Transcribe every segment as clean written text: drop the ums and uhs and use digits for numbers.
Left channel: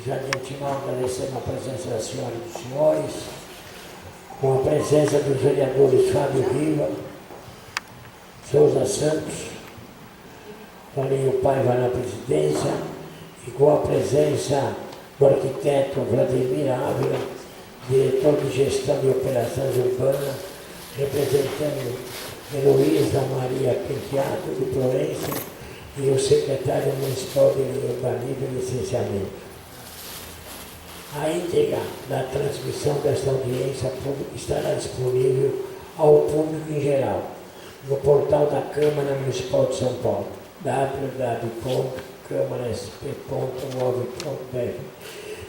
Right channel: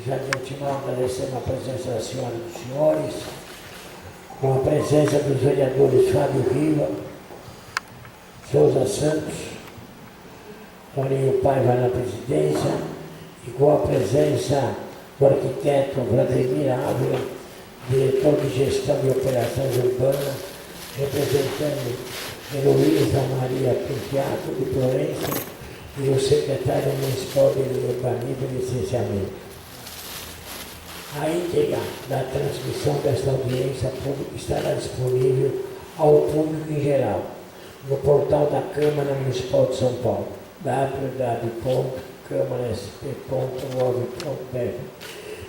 Já de antemão agradecendo a presença da senhora e dos senhores, com a presença dos vereadores Fábio Riva, Souza Santos, Toninho Paiva na presidência, e com a presença do arquiteto Vladimir Ávila, diretor de gestão de operações urbanas, representando Heloísa Maria Penteato de Florença e o secretário municipal de urbanismo e licenciamento. A íntegra da transmissão desta audiência pública estará disponível ao público em geral no portal da Câmara Municipal de São Paulo, www.câmarasp.gov.br,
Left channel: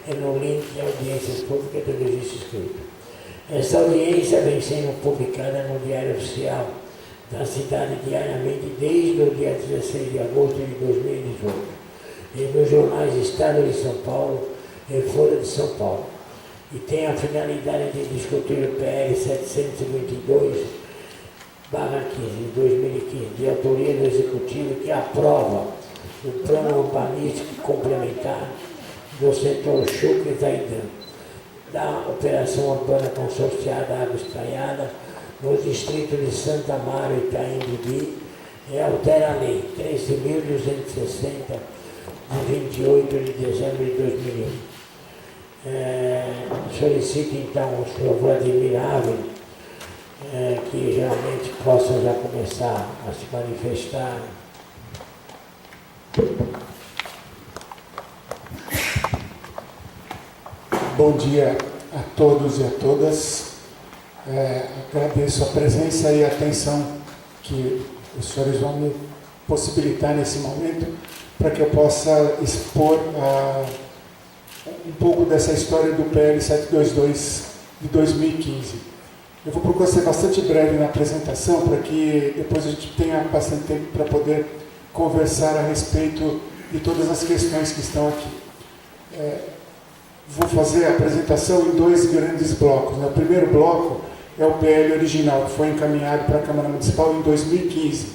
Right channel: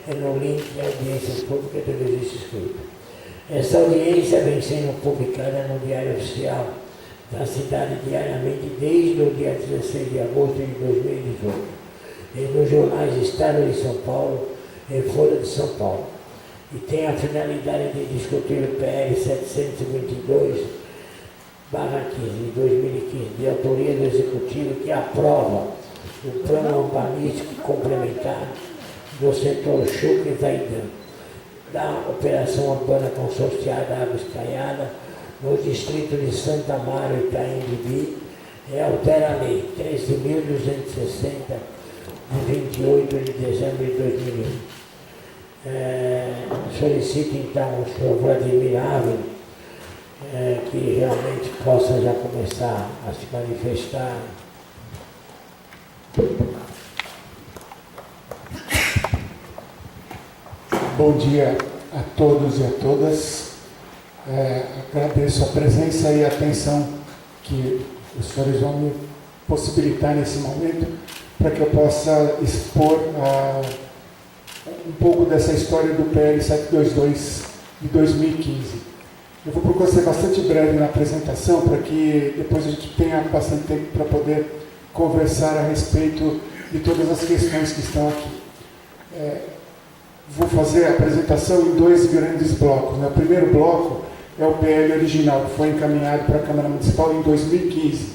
e no link de audiências públicas do registro escrito. Esta audiência vem sendo publicada no Diário Oficial da cidade diariamente desde o dia 16 de agosto de 2018 e nos jornais Estado de São Paulo e Folha de São Paulo, e tem a finalidade de discutir o PL 722/15 de 2015, de autoria do Executivo, que aprova o Plano Urbanístico Complementar do setor Chucre e Zaidan, da Operação Urbana Consorciada Água Espraiada, no distrito de Santa Amaro e Itaim Bibi, e altera a Lei 13.260, de 28 de dezembro de 2001. Solicito então o senhor Vladimir Ávila, que realmente possa já começar a se manifestar. Bom dia a todos e a todas. Agradeço a presença e a atenção que os senhores vão me possibilitar nesse momento para que eu possa expor um pouco dessa história do PL 722 de 2015. Eu vou procurar ser bastante breve na apresentação para que depois a gente tenha bastante tempo para poder conversar a respeito de todas as questões que estão aqui. Vou fazer a apresentação em dois grandes blocos. O primeiro bloco é o PL original, que foi encaminhado para a Câmara Municipal em 2015,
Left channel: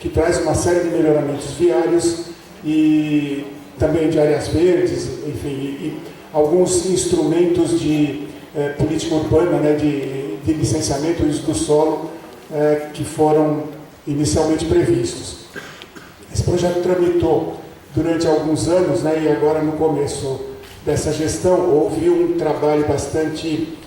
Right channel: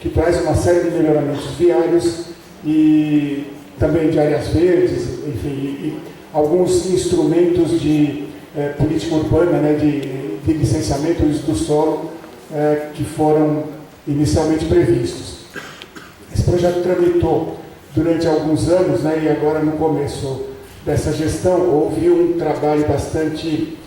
que traz uma série de melhoramentos viários e também de áreas verdes, enfim, e alguns instrumentos de política urbana, né, de licenciamento e uso do solo, que foram inicialmente previstos. Esse projeto tramitou durante alguns anos, né, e agora no começo dessa gestão houve um trabalho bastante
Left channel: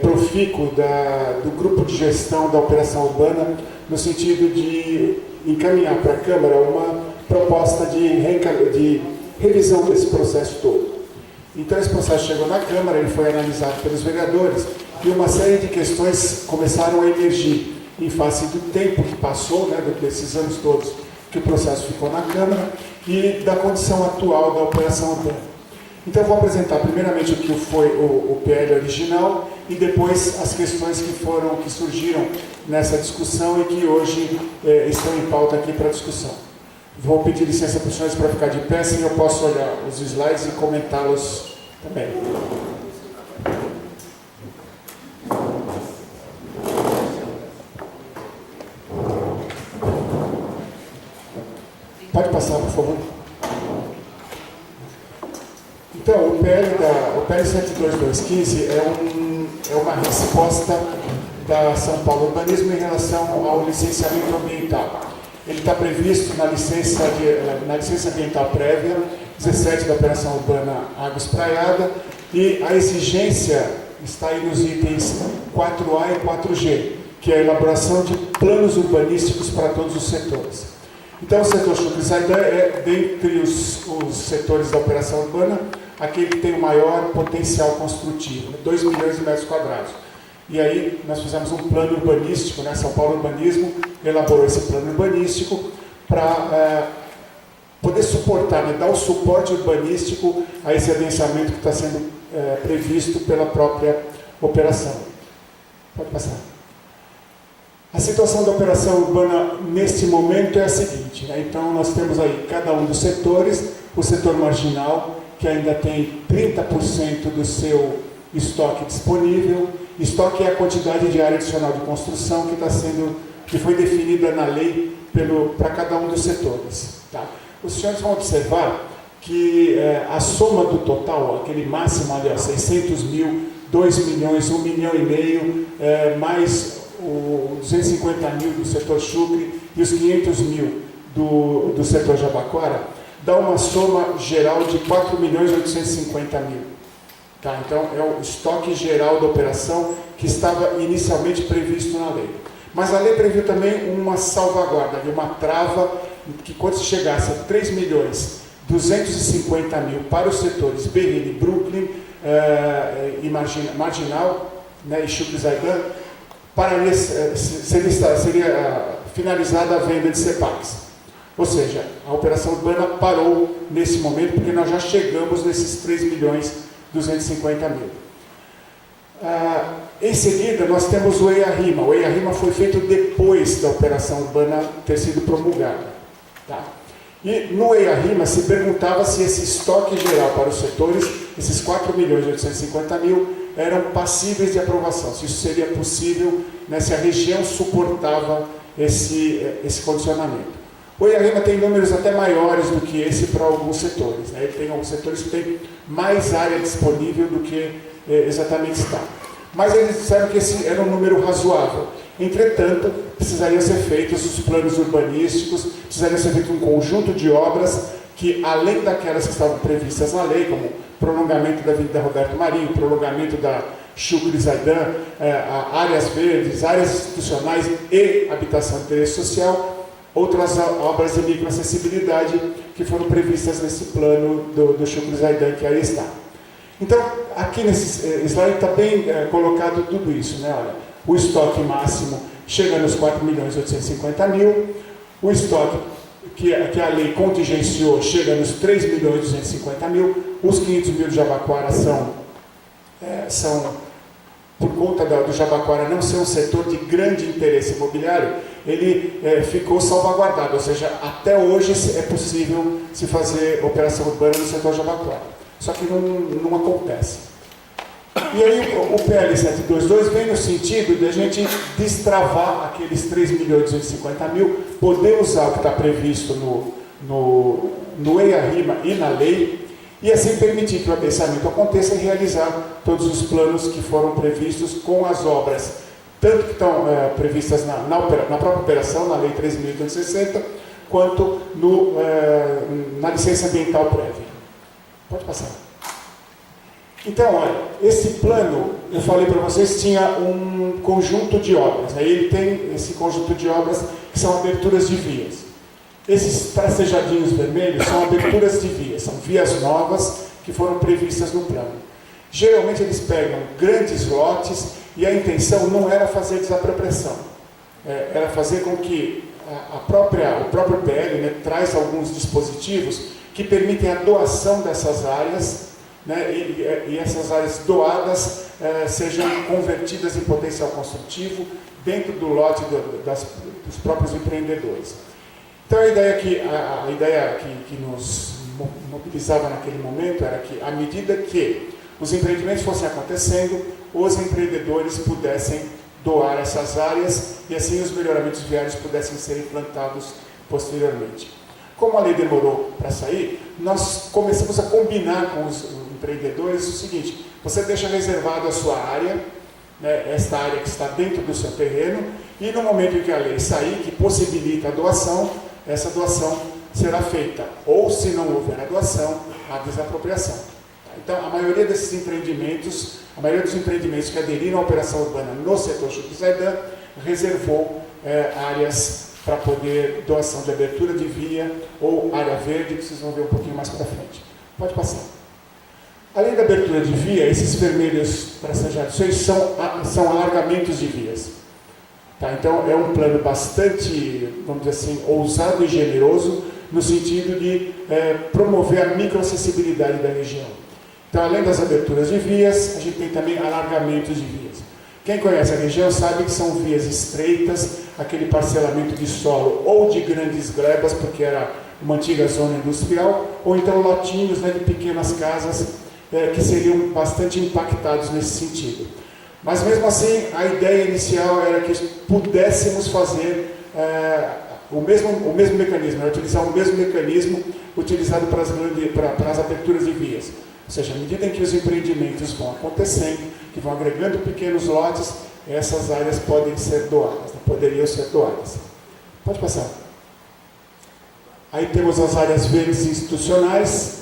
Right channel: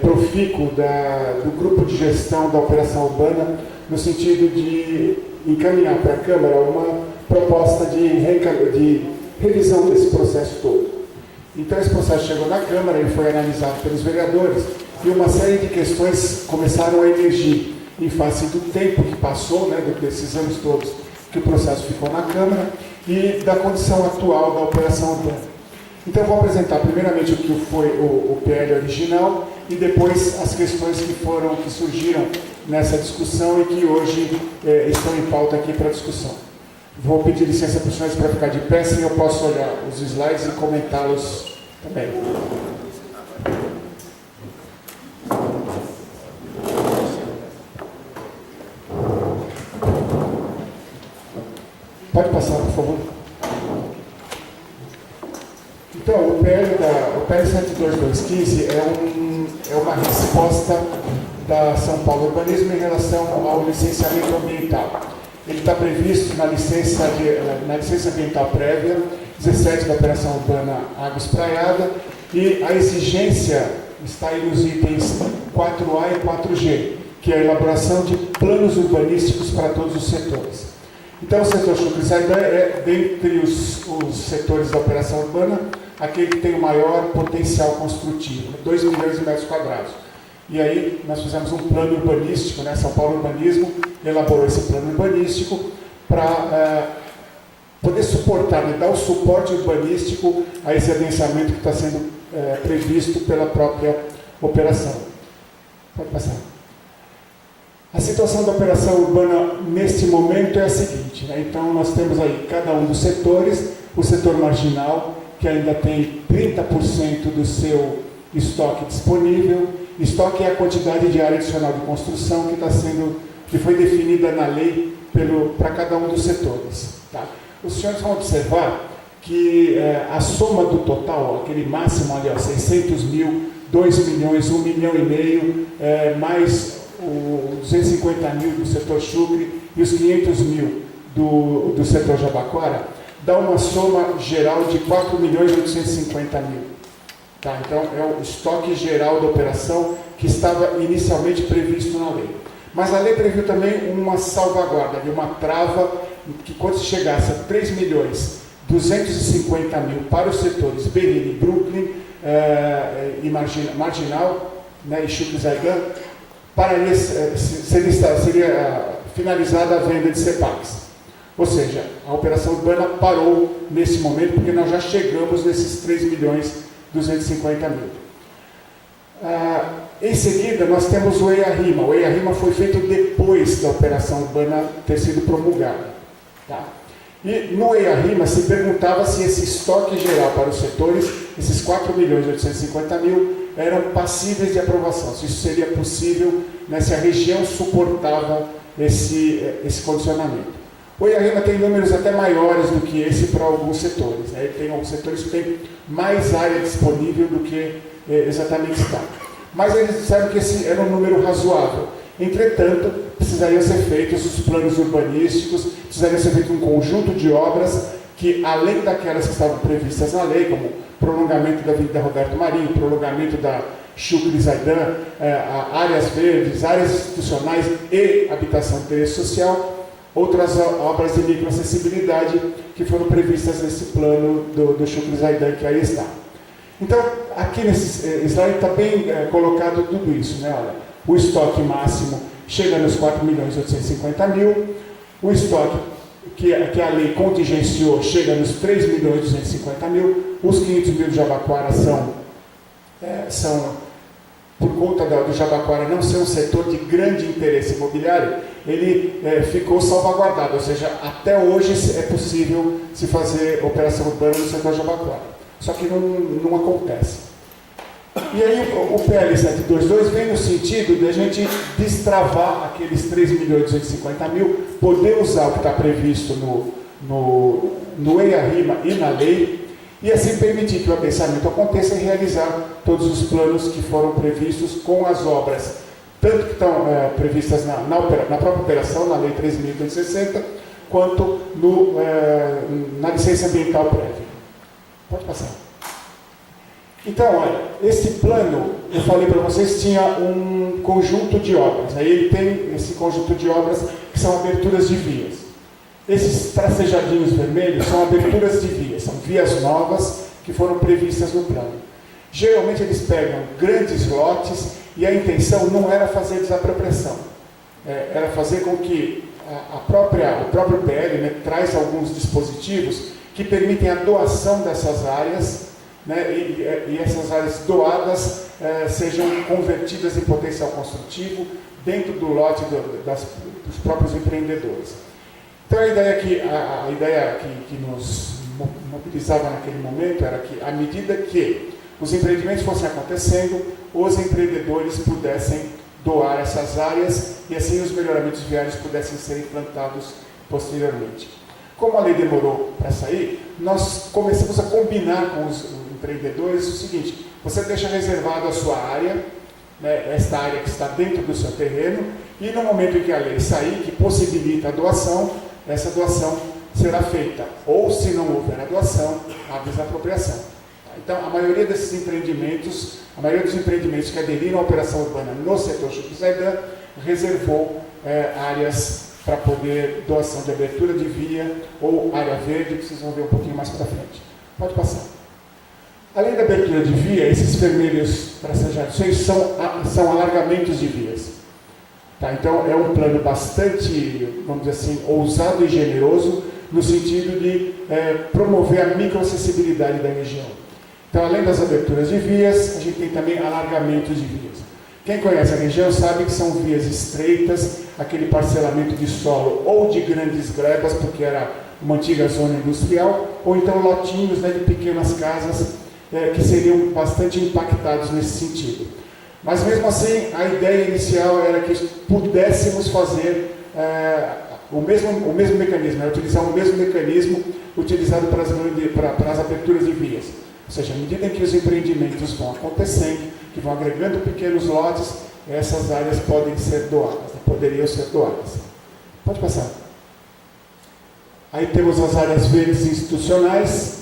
profícuo do grupo de gestão da operação urbana, no sentido de encaminhar para a Câmara uma proposta de revisão desse processo todo. Então esse processo chegou na Câmara, ele foi analisado pelos vereadores e uma série de questões começaram a emergir em face do tempo que passou, né, desses anos todos que o processo ficou na Câmara e da condição atual da operação urbana. Então eu vou apresentar primeiramente o que foi o PL original e depois as questões que surgiram nessa discussão e que hoje estão em pauta aqui para discussão. Vou pedir licença para os senhores para ficar de pé, assim eu posso olhar os slides e comentá-los também. Pode passar, por favor. Então, o PL 72215 é uma resposta da São Paulo Urbanismo em relação ao licenciamento ambiental. Ele está previsto na licença ambiental prévia 17 da Operação Urbana Água Espraiada, e a exigência está aí nos itens 4A e 4G, que é a elaboração de planos urbanísticos para todos os setores. Então, o setor Chucre e Zaidan é, dentre os setores da operação urbana, aquele que tem o maior potencial construtivo, 2 milhões de metros quadrados. E aí nós fizemos um plano urbanístico, né? São Paulo Urbanismo elaborou esse plano urbanístico para poder suportar, né? Dar o suporte urbanístico a esse adensamento que está sendo previsto pela própria operação. Pode passar. A situação da operação urbana neste momento é a seguinte, né? Então nós temos aí cada um dos setores, o setor marginal, que ainda tem 30% do seu estoque disponível. Estoque é a quantidade de área adicional de construção que foi definida na lei para cada um dos setores. Tá? Os senhores vão observar que a soma do total, aquele máximo ali, ó, 600 mil, 2 milhões, 1 milhão e meio, mais os 250 mil do setor chucre e os 500 mil do setor Jabaquara, dá uma soma geral de 4 milhões e 850 mil. Tá? Então, é o estoque geral da operação que estava inicialmente previsto na lei. Mas a lei previu também uma salvaguarda, uma trava, que quando se chegasse a 3 milhões 250 mil para os setores Berrini, Brooklyn e Marginal, né, e Chucre-Zaidan, seria finalizada a venda de CEPACs. Ou seja, a operação urbana parou nesse momento, porque nós já chegamos nesses 3 milhões 250 mil. Em seguida, nós temos o EIA-RIMA. O EIA-RIMA foi feito depois da operação urbana ter sido promulgada. Tá? E no EIA-RIMA se perguntava se esse estoque geral para os setores, esses 4 milhões e 850 mil, eram passíveis de aprovação, se isso seria possível, né, se a região suportava esse condicionamento. O EIA-RIMA tem números até maiores do que esse para alguns setores. Né? Ele tem alguns setores que têm mais área disponível do que exatamente está. Mas eles disseram que esse era um número razoável. Entretanto, precisariam ser feitos os planos urbanísticos, precisaria ser feito um conjunto de obras que, além daquelas que estavam previstas na lei, como prolongamento da Avenida Roberto Marinho, prolongamento da Chucre-Zaidan, áreas verdes, áreas institucionais e habitação de interesse social, outras obras de microacessibilidade que foram previstas nesse plano do Chucre-Zaidan, que aí está. Então, aqui nesse slide está bem colocado tudo isso, né? Olha, o estoque máximo chega nos 4 milhões e 850 mil, o estoque que a lei contingenciou chega nos 3 milhões e 250 mil, os 500 mil de Jabaquara são por conta do Jabaquara não ser um setor de grande interesse imobiliário, ele ficou salvaguardado, ou seja, até hoje é possível se fazer operação urbana no setor Jabaquara. Só que não acontece. E aí o PL 722 vem no sentido de a gente destravar aqueles 3 milhões e 250 mil, poder usar o que está previsto no EIA-RIMA e na lei, e assim permitir que o adensamento aconteça e realizar todos os planos que foram previstos com as obras, tanto que estão previstas na própria operação, na Lei 13.260, quanto na licença ambiental prévia. Pode passar. Então, olha, esse plano, eu falei para vocês, tinha um conjunto de obras. Aí ele tem esse conjunto de obras que são aberturas de vias. Esses tracejadinhos vermelhos são aberturas de vias, são vias novas que foram previstas no plano. Geralmente eles pegam grandes lotes e a intenção não era fazer desapropriação, era fazer com que o próprio PL, né, traz alguns dispositivos que permitem a doação dessas áreas, né, e essas áreas doadas sejam convertidas em potencial construtivo dentro do lote dos próprios empreendedores. Então a ideia que nos mobilizava naquele momento era que, à medida que os empreendimentos fossem acontecendo, os empreendedores pudessem doar essas áreas e assim os melhoramentos viários pudessem ser implantados posteriormente. Como a lei demorou para sair, nós começamos a combinar com os empreendedores o seguinte: você deixa reservado a sua área, né, esta área que está dentro do seu terreno, e no momento em que a lei sair, que possibilita a doação, essa doação será feita, ou se não houver a doação, a desapropriação. Então, a maioria dos empreendimentos que aderiram à operação urbana no setor Chucre-Zaidan reservou áreas para poder doação de abertura de via ou área verde, que vocês vão ver um pouquinho mais para frente. Pode passar. Além da abertura de via, esses vermelhos tracejados são alargamentos de vias. Tá? Então, é um plano bastante, vamos dizer assim, ousado e generoso, no sentido de promover a microacessibilidade da região. Então, além das aberturas de vias, a gente tem também alargamentos de vias. Quem conhece a região sabe que são vias estreitas, aquele parcelamento de solo ou de grandes glebas, porque era uma antiga zona industrial, ou então lotinhos, né, de pequenas casas que seriam bastante impactados nesse sentido. Mas mesmo assim, a ideia inicial era que pudéssemos fazer o mesmo mecanismo, é utilizar o mesmo mecanismo utilizado para as aberturas de vias. Ou seja, à medida em que os empreendimentos vão acontecendo, que vão agregando pequenos lotes, essas áreas podem ser doadas, poderiam ser doadas. Pode passar. Aí temos as áreas verdes institucionais,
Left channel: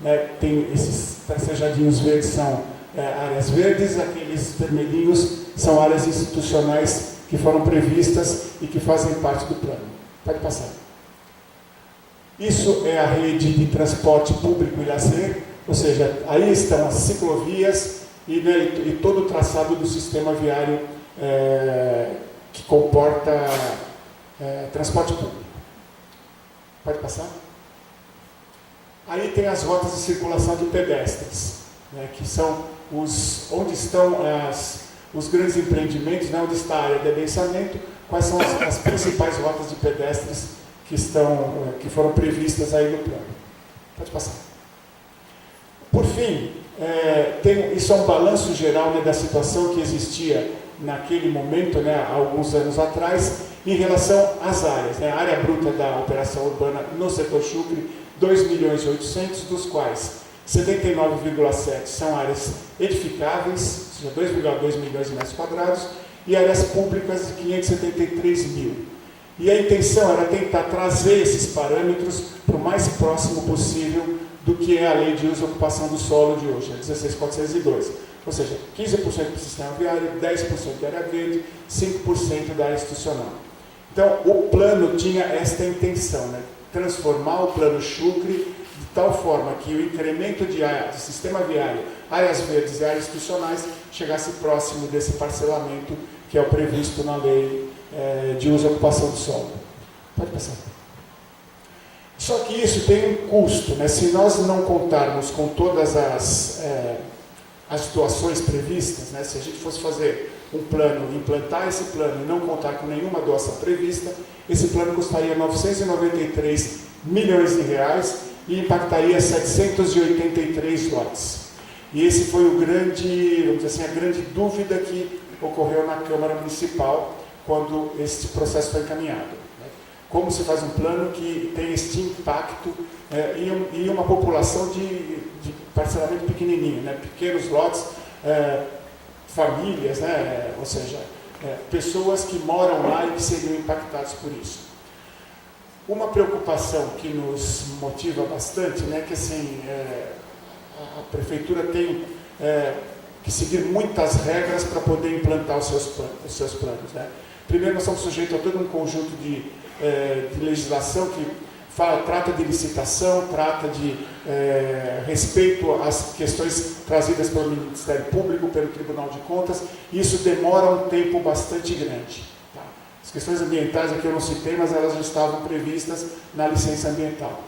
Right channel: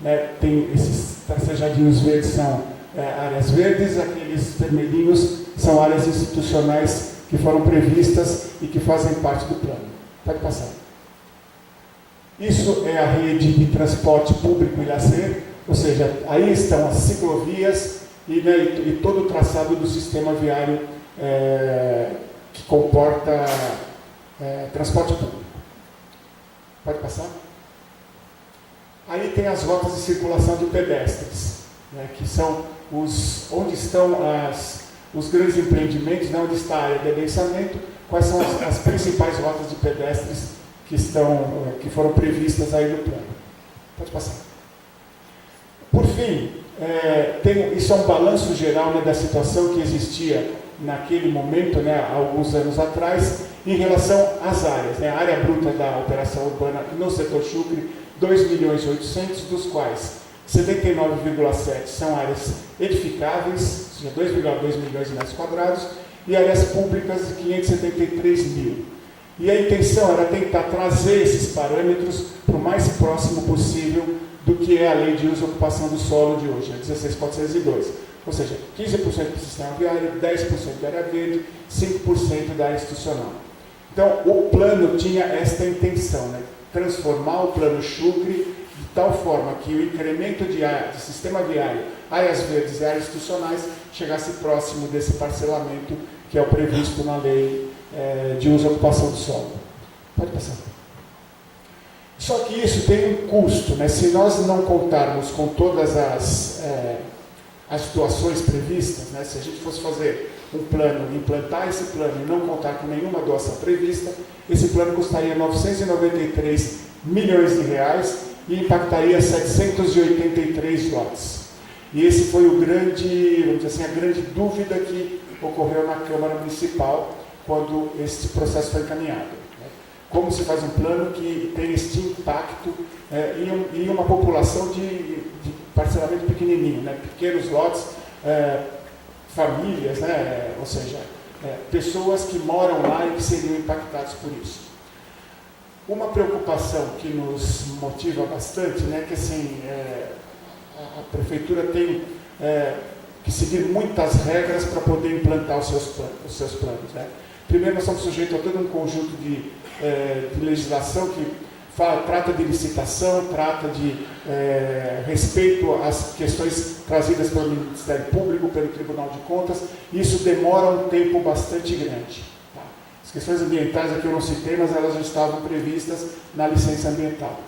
né? Tem esses tracejadinhos verdes, são áreas verdes, aqueles vermelhinhos são áreas institucionais que foram previstas e que fazem parte do plano. Pode passar. Isso é a rede de transporte público e lazer, ou seja, aí estão as ciclovias e todo o traçado do sistema viário que comporta transporte público. Pode passar? Aí tem as rotas de circulação de pedestres, né, que são onde estão os grandes empreendimentos, né, onde está a área de adensamento, quais são as principais rotas de pedestres que foram previstas aí no plano. Pode passar. Por fim, isso é um balanço geral, né, da situação que existia naquele momento, né, há alguns anos atrás, em relação às áreas. Né, a área bruta da operação urbana no setor Chucre, 2.800.000, dos quais 79,7 são áreas edificáveis, ou seja, 2,2 milhões de metros quadrados, e áreas públicas de 573 mil. E a intenção era tentar trazer esses parâmetros para o mais próximo possível do que é a lei de uso e ocupação do solo de hoje, a 16.402. Ou seja, 15% do sistema viário, 10% da área verde, 5% da área institucional. Então, o plano tinha esta intenção, né? Transformar o plano Chucre de tal forma que o incremento de sistema viário, áreas verdes e áreas institucionais chegasse próximo desse parcelamento que é o previsto na lei de uso e ocupação do solo. Pode passar. Só que isso tem um custo, né? Se nós não contarmos com todas as situações previstas, né? Se a gente fosse fazer um plano, implantar esse plano e não contar com nenhuma doação prevista, esse plano custaria 993 milhões de reais e impactaria 783 lotes. E esse foi o grande, vamos dizer assim, a grande dúvida que ocorreu na Câmara Municipal quando esse processo foi encaminhado. Né? Como se faz um plano que tem este impacto em uma população de parcelamento pequenininho, né? Pequenos lotes, famílias, né? Ou seja, pessoas que moram lá e que seriam impactados por isso. Uma preocupação que nos motiva bastante, né, que assim, a prefeitura tem que seguir muitas regras para poder implantar os seus planos. Né? Primeiro, nós somos sujeitos a todo um conjunto de legislação que trata de licitação, trata de respeito às questões trazidas pelo Ministério Público, pelo Tribunal de Contas, e isso demora um tempo bastante grande. Tá? As questões ambientais aqui eu não citei, mas elas já estavam previstas na licença ambiental.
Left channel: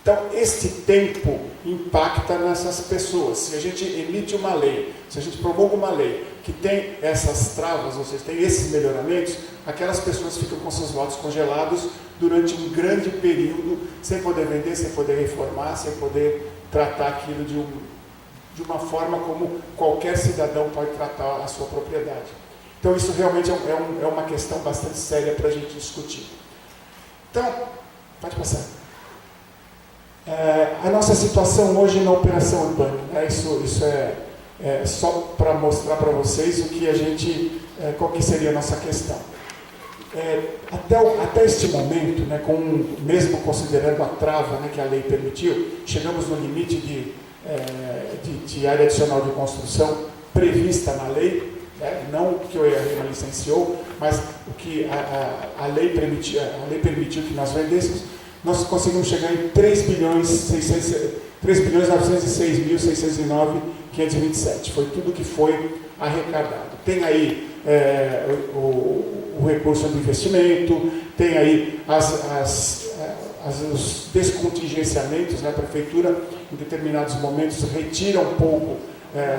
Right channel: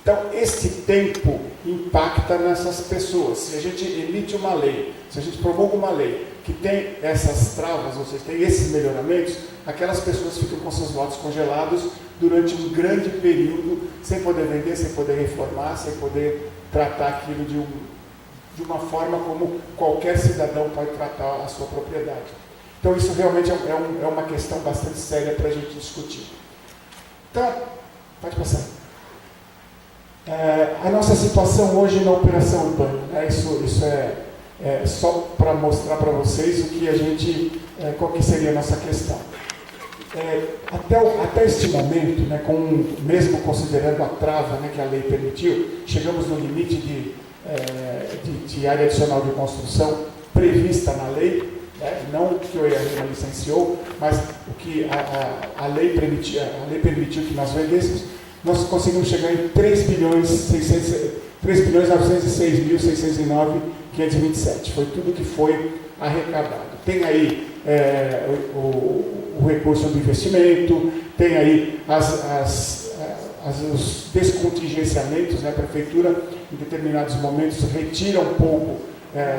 Então, este tempo impacta nessas pessoas. Se a gente emite uma lei, se a gente promulga uma lei que tem essas travas, ou seja, tem esses melhoramentos, aquelas pessoas ficam com seus lotes congelados durante um grande período, sem poder vender, sem poder reformar, sem poder tratar aquilo de uma forma como qualquer cidadão pode tratar a sua propriedade. Então, isso realmente é uma questão bastante séria para a gente discutir. Então, pode passar. A nossa situação hoje na operação urbana, né? Isso é só para mostrar para vocês qual que seria a nossa questão. Até este momento, né, mesmo considerando a trava, né, que a lei permitiu, chegamos no limite de área adicional de construção prevista na lei, né, não o que o ERM licenciou, mas o que a lei permitiu que nós vendêssemos. Nós conseguimos chegar em 3.906.609.527. Foi tudo que foi arrecadado. Tem aí o recurso do investimento, tem aí os descontingenciamentos, né? A prefeitura, em determinados momentos, retira um pouco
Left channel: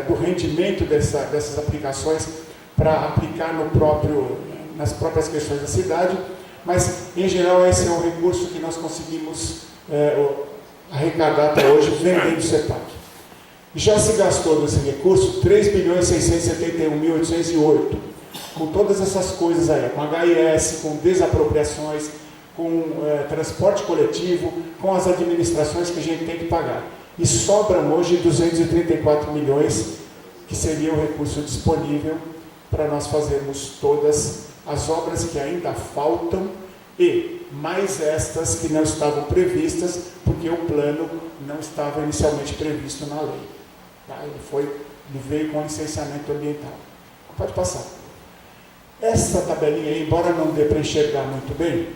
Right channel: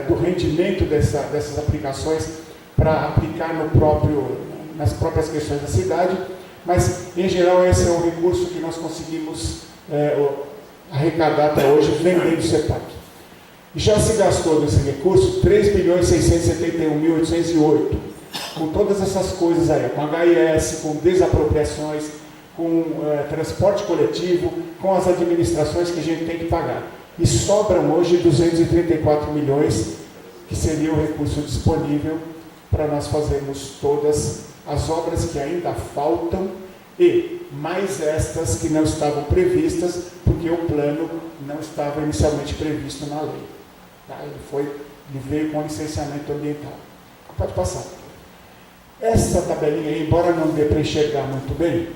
do rendimento dessas aplicações para aplicar nas próprias questões da cidade. Mas, em geral, esse é um recurso que nós conseguimos arrecadar até hoje vendendo o CEPAC. Já se gastou desse recurso 3.671.808. Com todas essas coisas aí, com HIS, com desapropriações, com transporte coletivo, com as administrações que a gente tem que pagar. E sobram hoje 234 milhões, que seria o recurso disponível para nós fazermos todas as obras que ainda faltam e mais estas que não estavam previstas, porque o plano não estava inicialmente previsto na lei. Tá? Ele veio com licenciamento ambiental. Pode passar. Essa tabelinha aí, embora não dê para enxergar muito bem,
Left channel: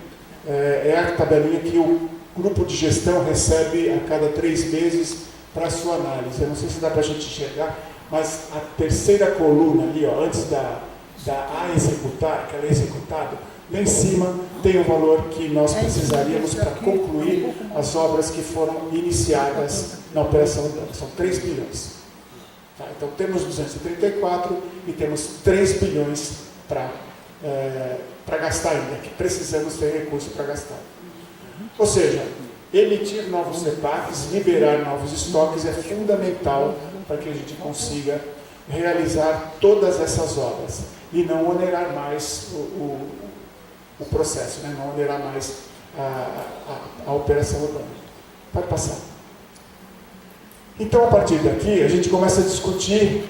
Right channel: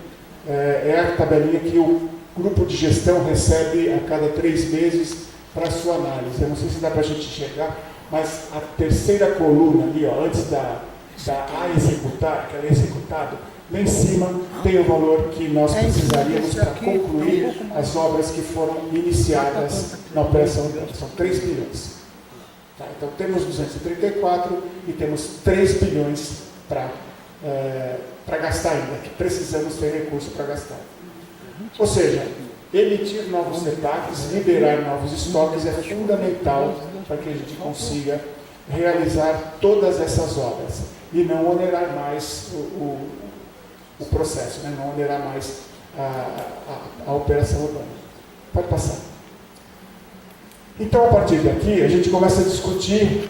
é a tabelinha que o grupo de gestão recebe a cada 3 meses para a sua análise. Eu não sei se dá para a gente enxergar, mas a terceira coluna ali, ó, antes da a executar, que ela é executada, lá em cima tem o valor que nós precisaríamos para concluir as obras que foram iniciadas na operação dela. São 3 bilhões. Tá? Então temos 234 e temos 3 bilhões para gastar ainda, que precisamos ter recurso para gastar. Ou seja, emitir novos CEPACs, liberar novos estoques é fundamental para que a gente consiga realizar todas essas obras e não onerar mais o processo, né? Não onerar mais a operação urbana. Pode passar. Então, a partir daqui, a gente começa a discutir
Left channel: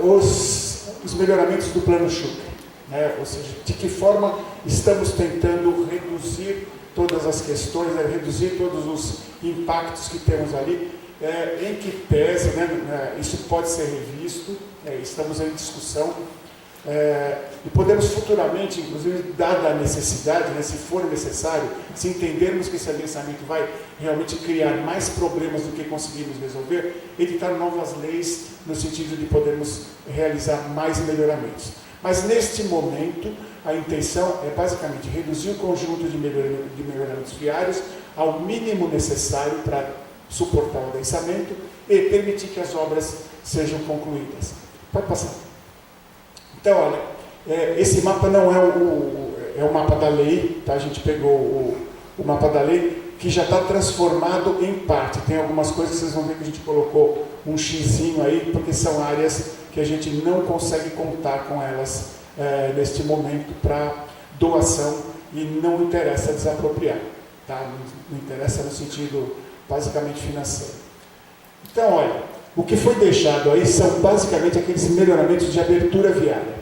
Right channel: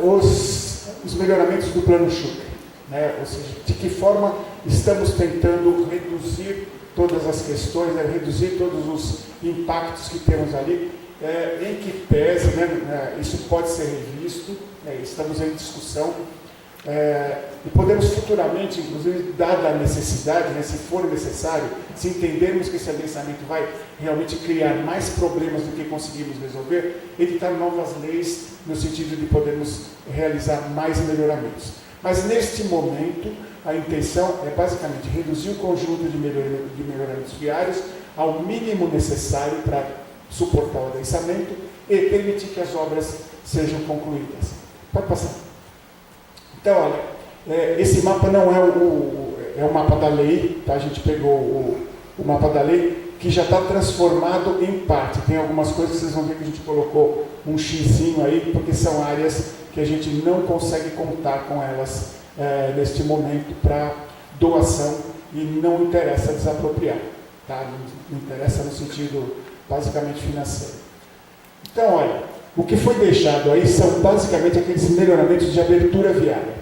os melhoramentos do plano Xuca, né? Ou seja, de que forma estamos tentando reduzir todas as questões, né? Reduzir todos os impactos que temos ali, em que pese, né? Isso pode ser revisto, né? Estamos em discussão, e podemos futuramente, inclusive, dada a necessidade, né? Se for necessário, se entendermos que esse adensamento vai realmente criar mais problemas do que conseguimos resolver, editar novas leis no sentido de podermos realizar mais melhoramentos. Mas neste momento, a intenção é basicamente reduzir o conjunto de melhoramentos viários ao mínimo necessário para suportar o adensamento e permitir que as obras sejam concluídas. Pode passar. Então, olha, esse mapa não é o mapa da lei, tá? A gente pegou o mapa da lei, que já está transformado em parte. Tem algumas coisas que vocês vão ver que a gente colocou um xizinho aí, porque são áreas que a gente não consegue contar com elas neste momento para doação e não interessa desapropriar. Tá? Não interessa no sentido basicamente financeiro. Então, olha, o que foi deixado aí são basicamente aqueles melhoramentos de abertura viária.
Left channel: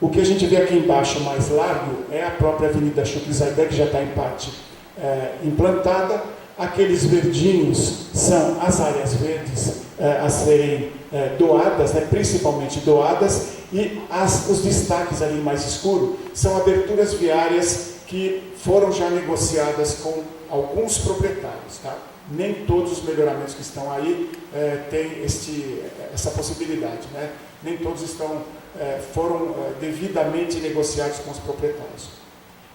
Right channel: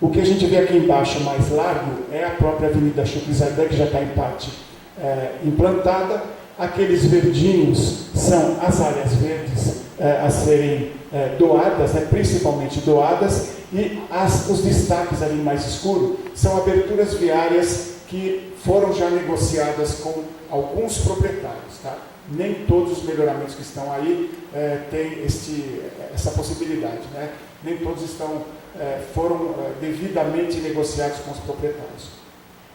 O que a gente vê aqui embaixo mais largo é a própria Avenida Chucrizaidan, que já está em parte implantada. Aqueles verdinhos são as áreas verdes a serem doadas, né, principalmente doadas, e os destaques ali mais escuros são aberturas viárias que foram já negociadas com alguns proprietários. Tá? Nem todos os melhoramentos que estão aí têm essa possibilidade, né? Nem todos foram devidamente negociados com os proprietários.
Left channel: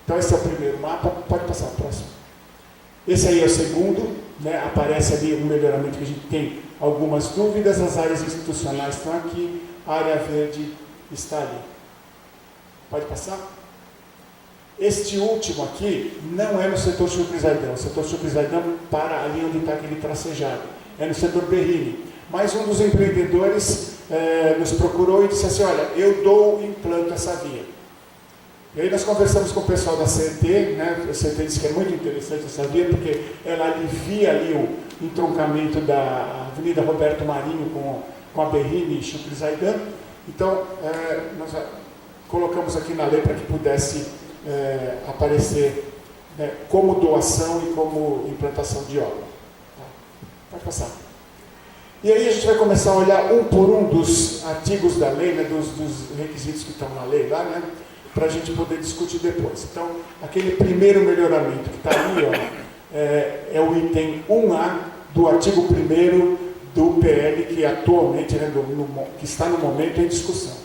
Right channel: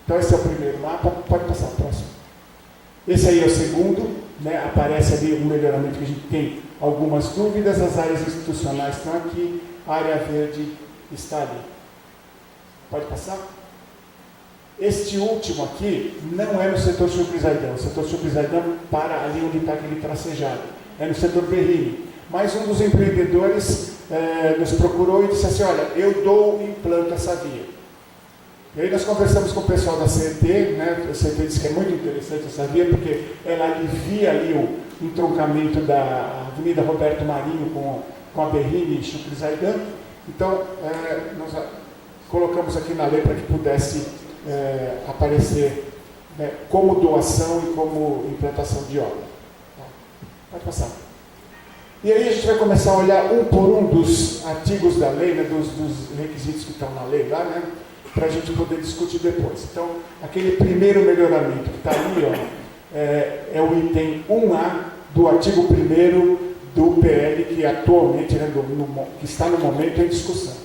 Então esse é o primeiro mapa, pode passar o próximo. Esse aí é o segundo, né? Aparece ali um melhoramento que a gente tem algumas dúvidas, as áreas institucionais estão aqui, a área verde está ali. Pode passar? Este último aqui não é no setor Chucrizaidan. O setor Chucrizaidan para ali onde está aquele tracejado. É no setor Berrini. Mas um dos empreendedores nos procurou e disse assim, olha, eu dou e implanto essa via. E aí nós conversamos com o pessoal da CET, né? A CET disse que é muito interessante essa via, porque ela alivia ali o entroncamento da Avenida Roberto Marinho com a Berrini e Chucrizaidan. Então, nós colocamos aqui na lei para que pudesse aparecer, né, como doação e como implantação de obra. Tá? Pode passar. E aí a gente vai começar a olhar um por um dos artigos da lei, né, dos requisitos que estão na lei lá, né, para a gente poder discutir depois. Então, aquele primeiro melhoramento que está ali, ó, é o item 1A do artigo 1º do PL, que atualmente, né, que está no momento em discussão.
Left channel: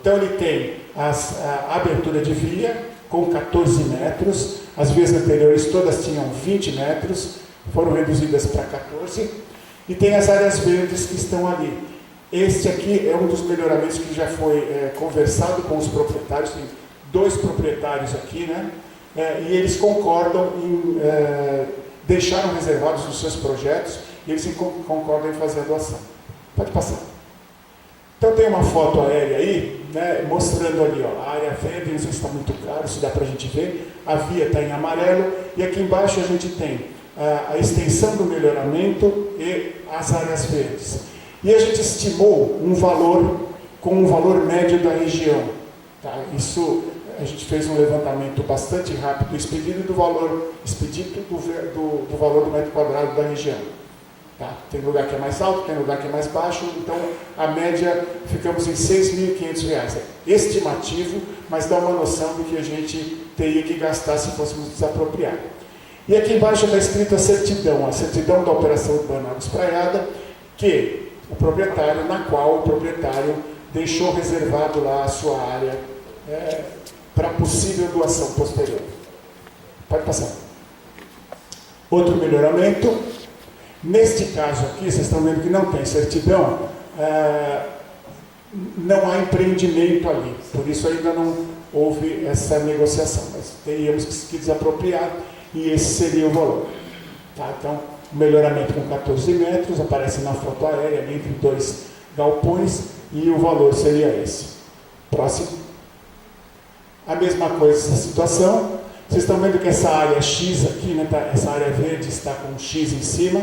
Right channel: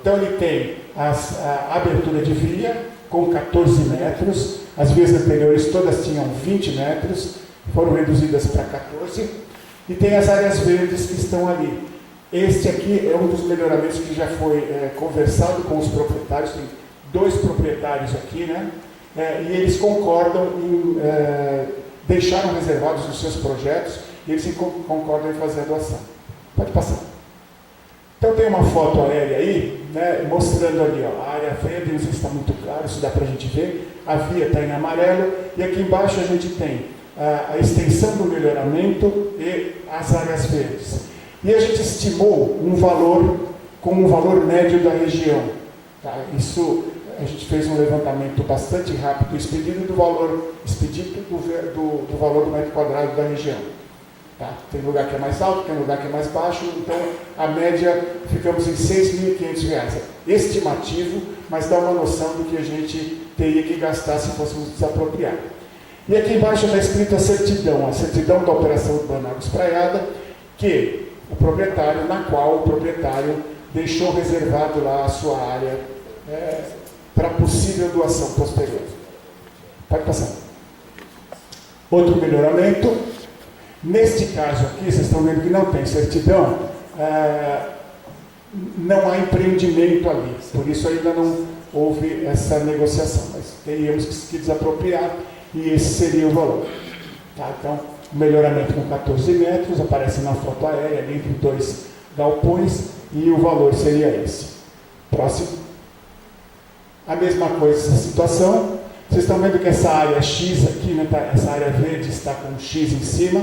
Então, ele tem a abertura de via com 14 metros, as vias anteriores todas tinham 20 metros, foram reduzidas para 14, e tem as áreas verdes que estão ali. Este aqui é um dos melhoramentos que já foi conversado com os proprietários, tem 2 proprietários aqui, né? E eles concordam em deixaram reservados os seus projetos e eles concordam em fazer a doação. Pode passar. Então tem uma foto aérea aí, né, mostrando ali, ó, a área verde, não sei se está muito claro, se dá para a gente ver, a via está em amarelo, e aqui embaixo a gente tem a extensão do melhoramento e as áreas verdes. E a gente estimou um valor com um valor médio da região. Tá? Isso, a gente fez um levantamento bastante rápido, expedido do valor, do valor do metro quadrado da região. Tá? Tem lugar que é mais alto, tem lugar que é mais baixo, então a média ficamos em R$ 6.500. Estimativo, mas dá uma noção do que a gente teria que gastar se fôssemos desapropriar. E aqui embaixo está escrito a certidão da operação urbana Água Espraiada, na qual o proprietário deixou reservado lá a sua área para possível doação posterior. Pode passar. Outro melhoramento. Neste caso aqui, vocês estão vendo que não tem certidão, não há empreendimento ali, por isso ainda não houve essa negociação, mas teríamos que desapropriar e esse seria o valor. Tá? Então, o melhoramento com 14 metros, aparece na foto aérea, ali entre 2 galpões, e o valor seria esse. Próximo. A mesma coisa essa situação, vocês estão vendo que essa área X aqui, né, essa área verde está com um X em cima,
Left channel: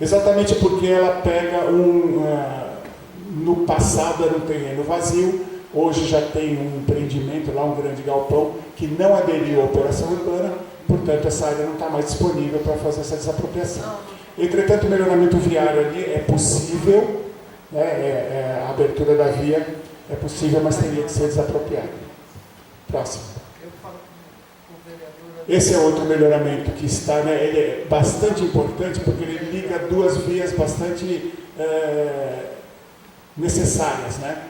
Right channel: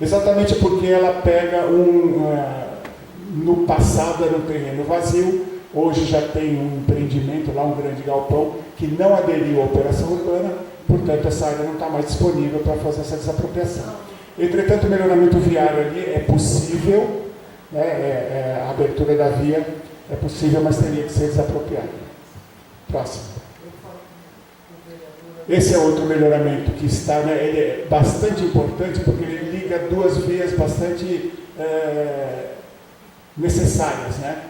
exatamente porque ela pega no passado era um terreno vazio, hoje já tem um empreendimento lá, um grande galpão, que não aderiu à operação urbana, portanto essa área não está mais disponível para fazer essa desapropriação. Entretanto, o melhoramento viário ali é possível, né, a abertura da via é possível, mas teria que ser desapropriada. Próximo. Esse é outro melhoramento que está, né, ele é bastante importante porque ele liga duas vias bastante necessárias, né?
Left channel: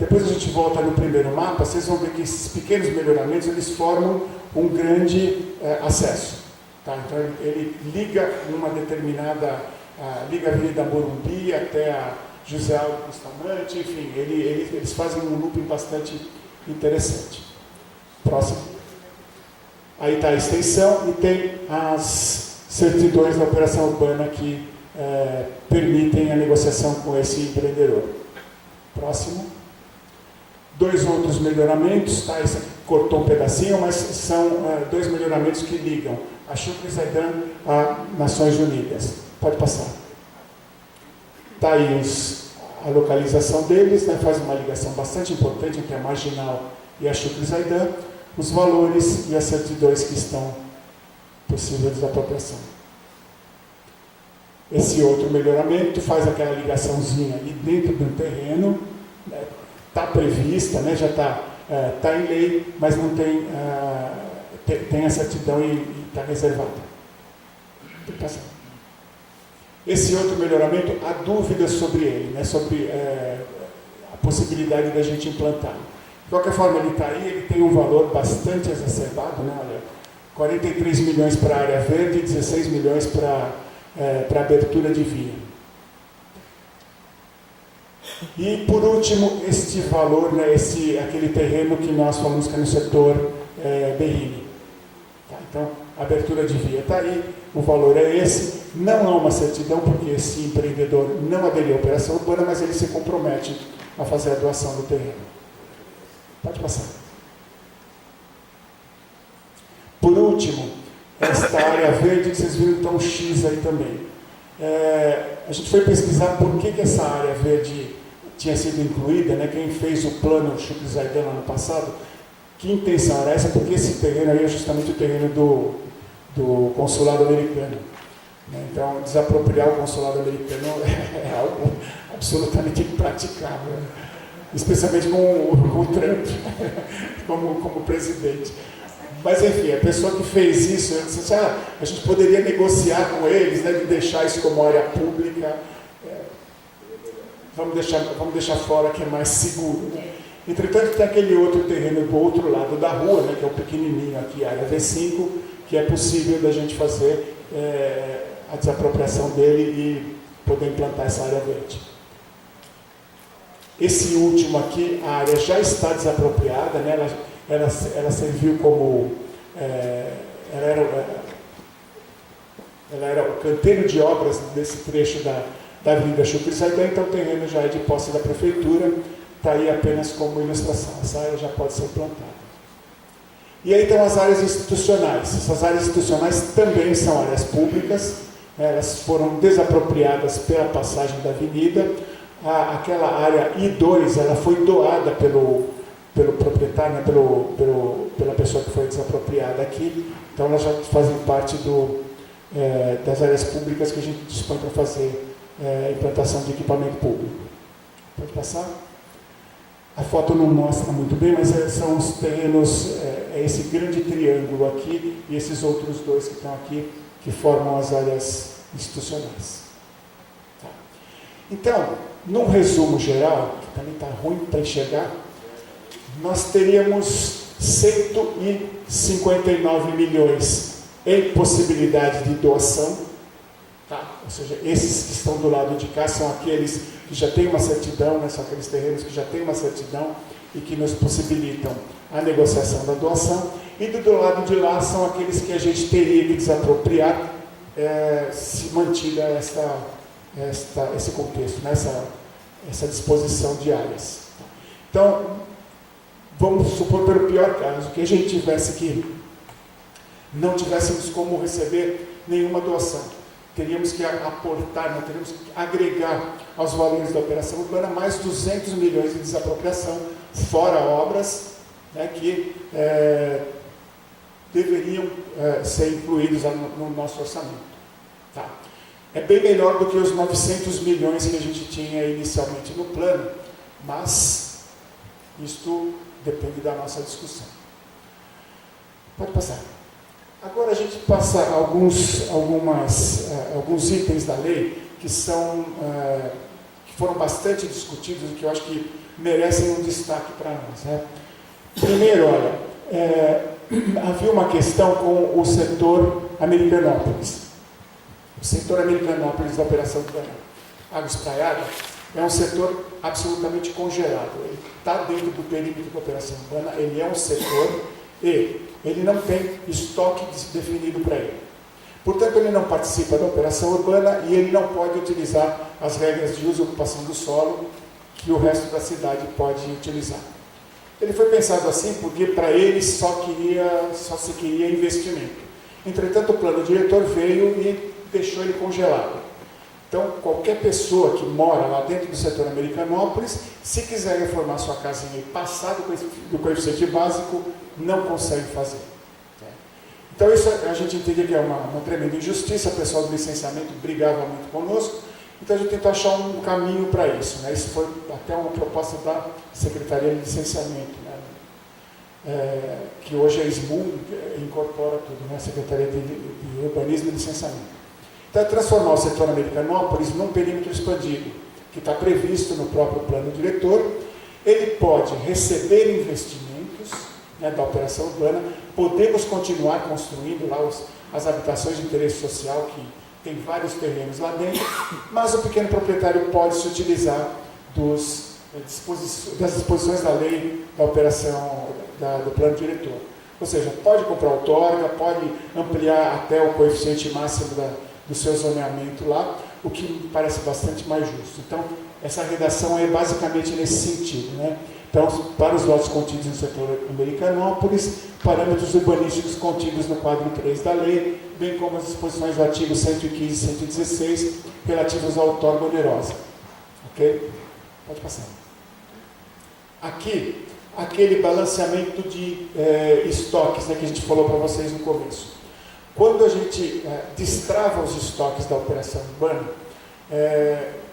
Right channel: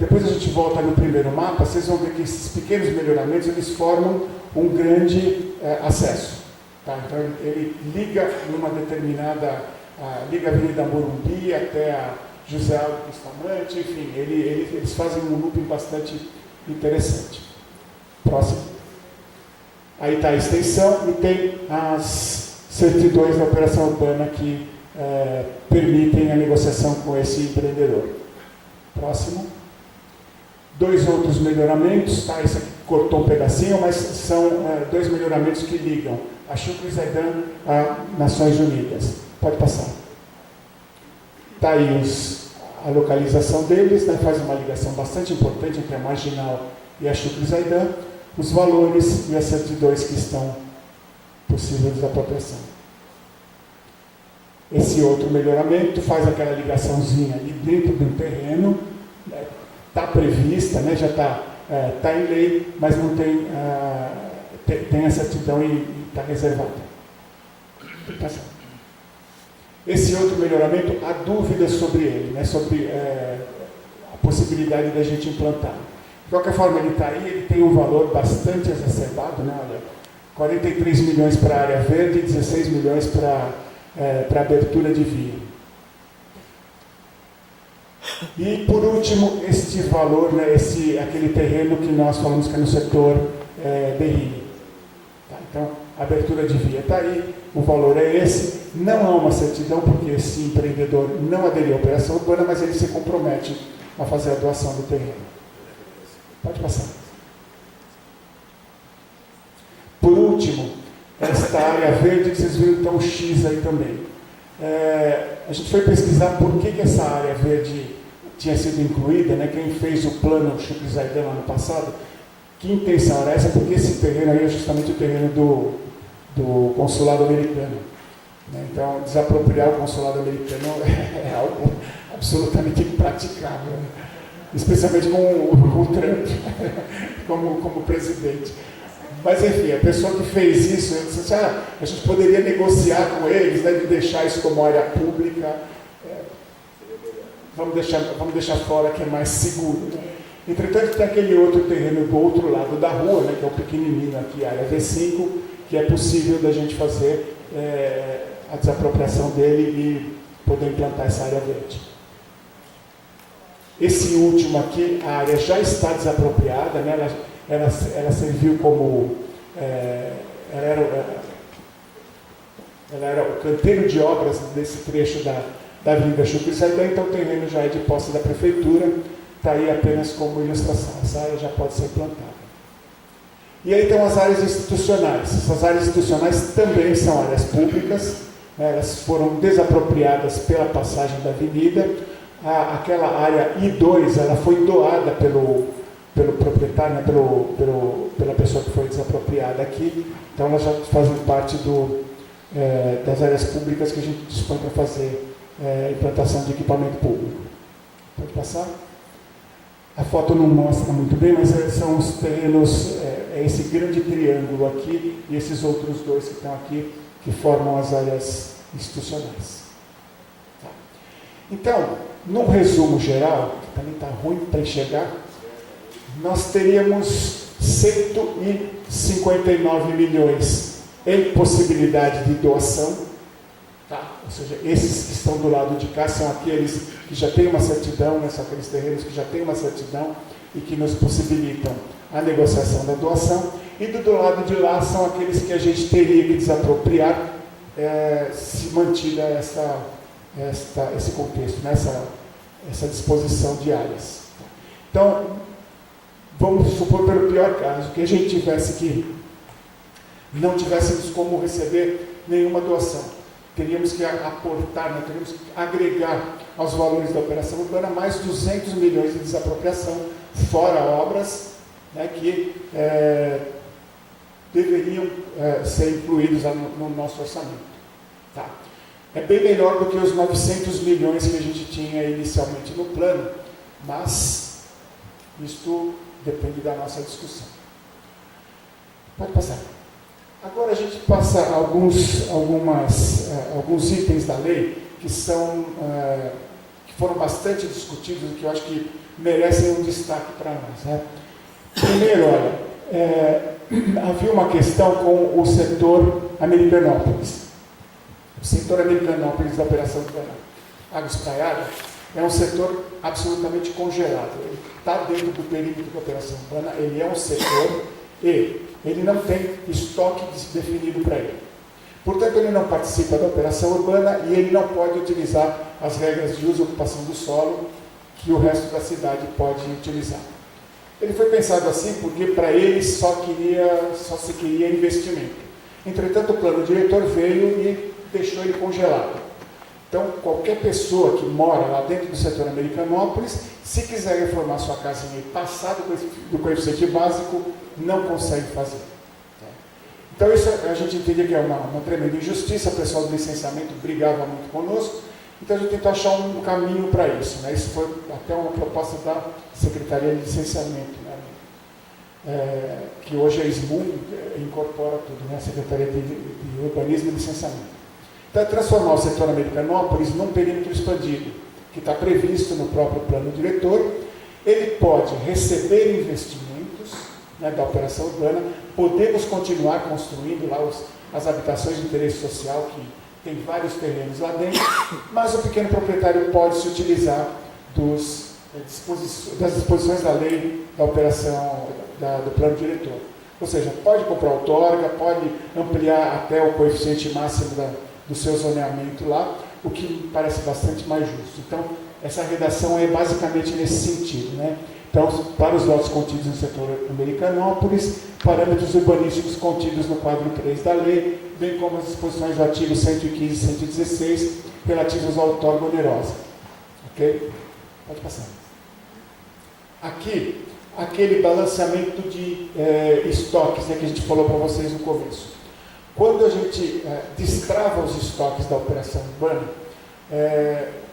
Depois a gente volta no primeiro mapa, vocês vão ver que esses pequenos melhoramentos eles formam um grande acesso. Tá? Então ele liga numa determinada, liga a Avenida Morumbi até a José Aldo Bustamante, enfim, eles fazem um looping bastante interessante. Próximo. Aí está a extensão e tem as certidões da operação urbana que permitem a negociação com esse empreendedor. Próximo. 2 outros melhoramentos, tá? Esse aqui cortou um pedacinho, mas são 2 melhoramentos que ligam a Chucre Zaidan a Nações Unidas. Pode passar. Está aí a localização deles, né? Faz uma ligação bastante importante entre a Marginal e a Chucre Zaidan, os valores e as certidões que estão possíveis de desapropriação. Esse outro melhoramento faz aquela ligaçãozinha ali dentro do terreno, está prevista, né, já está em lei, mas não tem, tem a certidão e está reservada. Esse outro melhoramento, há dúvidas sobre ele, né, sobre a possibilidade da gente implantar. De qualquer forma, ele está aí, ele tem um valor bastante exacerbado, né, olha, 43 milhões para a área verde e 16 milhões para abertura de via. E, por último, este valor, né, aquele terreno que nós falamos que é no setor Berrini. Tá? Então, a abertura de via está aí, o valor é esse. Não há uma certidão, porque esse empreendedor não aderiu à operação urbana, mas ele se compromete a fazer a doação do terreno. Pode passar. Por último, esta área verde que vocês viram, então, o X aí também. A gente foi pesquisar por que essa área verde tinha sido incluída, né? Quem fez o plano Chucre Zaidan ano passado, que intenção era essa? Porque esse terreno aí é justamente o terreno do consulado americano. Né? Então, desapropriar o consulado americano é algo absolutamente impraticável, né? Especialmente com o Trump como presidente. Mas, enfim, a pessoa que fez isso, eu disse, a gente poderia negociar com eles, né, de deixar isso como área pública. Vamos deixar fora que é mais seguro. Né? Entretanto, tem aquele outro terreno do outro lado da rua, né, que é o pequenininho aqui, a área V5, que é possível da gente fazer a desapropriação dele e poder implantar essa área verde. Esse último aqui, a área já está desapropriada, né? Ela serviu como... ela era o canteiro de obras desse trecho da Avenida Chucre Sardan, então o terreno já é de posse da prefeitura, está aí apenas como ilustração, essa área já pode ser plantada. E aí estão as áreas institucionais. Essas áreas institucionais também são áreas públicas, né? Elas foram desapropriadas pela passagem da avenida. Aquela área I2, ela foi doada pelo proprietário, né? pela pessoa que foi desapropriada aqui, então elas já fazem parte das áreas públicas que a gente dispõe para fazer implantação de equipamento público. Pode passar? A foto não mostra muito bem, mas são os terrenos, esse grande triângulo aqui e esses outros dois que estão aqui, que formam as áreas institucionais. Tá. Então, num resumo geral, que também está ruim para enxergar, nós teríamos 159 milhões em possibilidade de doação, tá? Ou seja, esses que estão do lado de cá são aqueles que já têm uma certidão, né? São aqueles terrenos que já têm uma certidão e que nos possibilitam a negociação da doação, e do lado de lá são aqueles que a gente teria que desapropriar se mantida esse contexto, né? essa disposição de áreas. Então, vamos supor pelo pior caso, que a gente tivesse que não tivéssemos como receber nenhuma doação. Teríamos que aportar, né? Teríamos que agregar aos valores da operação urbana mais 200 milhões de desapropriação, fora obras, né, que deveriam ser incluídos no nosso orçamento. Tá. É bem melhor do que os 900 milhões que a gente tinha inicialmente no plano, mas isto depende da nossa discussão. Pode passar. Agora a gente passa alguns itens da lei que foram bastante discutidos e que eu acho que merecem um destaque para nós, né? Primeiro, olha, havia uma questão com o setor Americanópolis. O setor Americanópolis da Operação Urbana Água Espraiada é um setor absolutamente congelado. Ele está dentro do perímetro da Operação Urbana, ele é um setor e ele não tem estoque definido para ele. Portanto, ele não participa da operação urbana e ele não pode utilizar as regras de uso e ocupação do solo que o resto da cidade pode utilizar. Ele foi pensado assim porque para ele só se queria investimento. Entretanto, o plano diretor veio e deixou ele congelado. Então, qualquer pessoa que mora lá dentro do setor Americanópolis, se quiser reformar sua casinha e passar do coeficiente básico, não consegue fazer. Então, isso a gente entendia que é uma tremenda injustiça, o pessoal do licenciamento brigava muito conosco, então a gente tentou achar um caminho para isso, né? Isso foi até uma proposta da Secretaria de Licenciamento, né? Que hoje é SMU, incorpora tudo, né? Secretaria de Urbanismo e Licenciamento. Então, é transformar o setor Americanópolis num perímetro expandido, que está previsto no próprio plano diretor. Ele pode receber investimentos, né, da operação urbana, podemos continuar construindo lá as habitações de interesse social, que tem vários terrenos lá dentro, mas o pequeno proprietário pode se utilizar das disposições da lei da operação do plano diretor. Ou seja, pode comprar outorga, pode ampliar até o coeficiente máximo do seu zoneamento lá, o que me parece bastante mais justo. Então, essa redação é basicamente nesse sentido, né? Então, para os lotes contidos no setor Americanópolis, parâmetros urbanísticos contidos no quadro 3 da lei, bem como as disposições do artigo 115 e 116 relativos à outorga onerosa. Ok? Pode passar. Aqui, aquele balanceamento de estoques, né, que a gente falou para vocês no começo. Quando a gente destrava os estoques da operação urbana,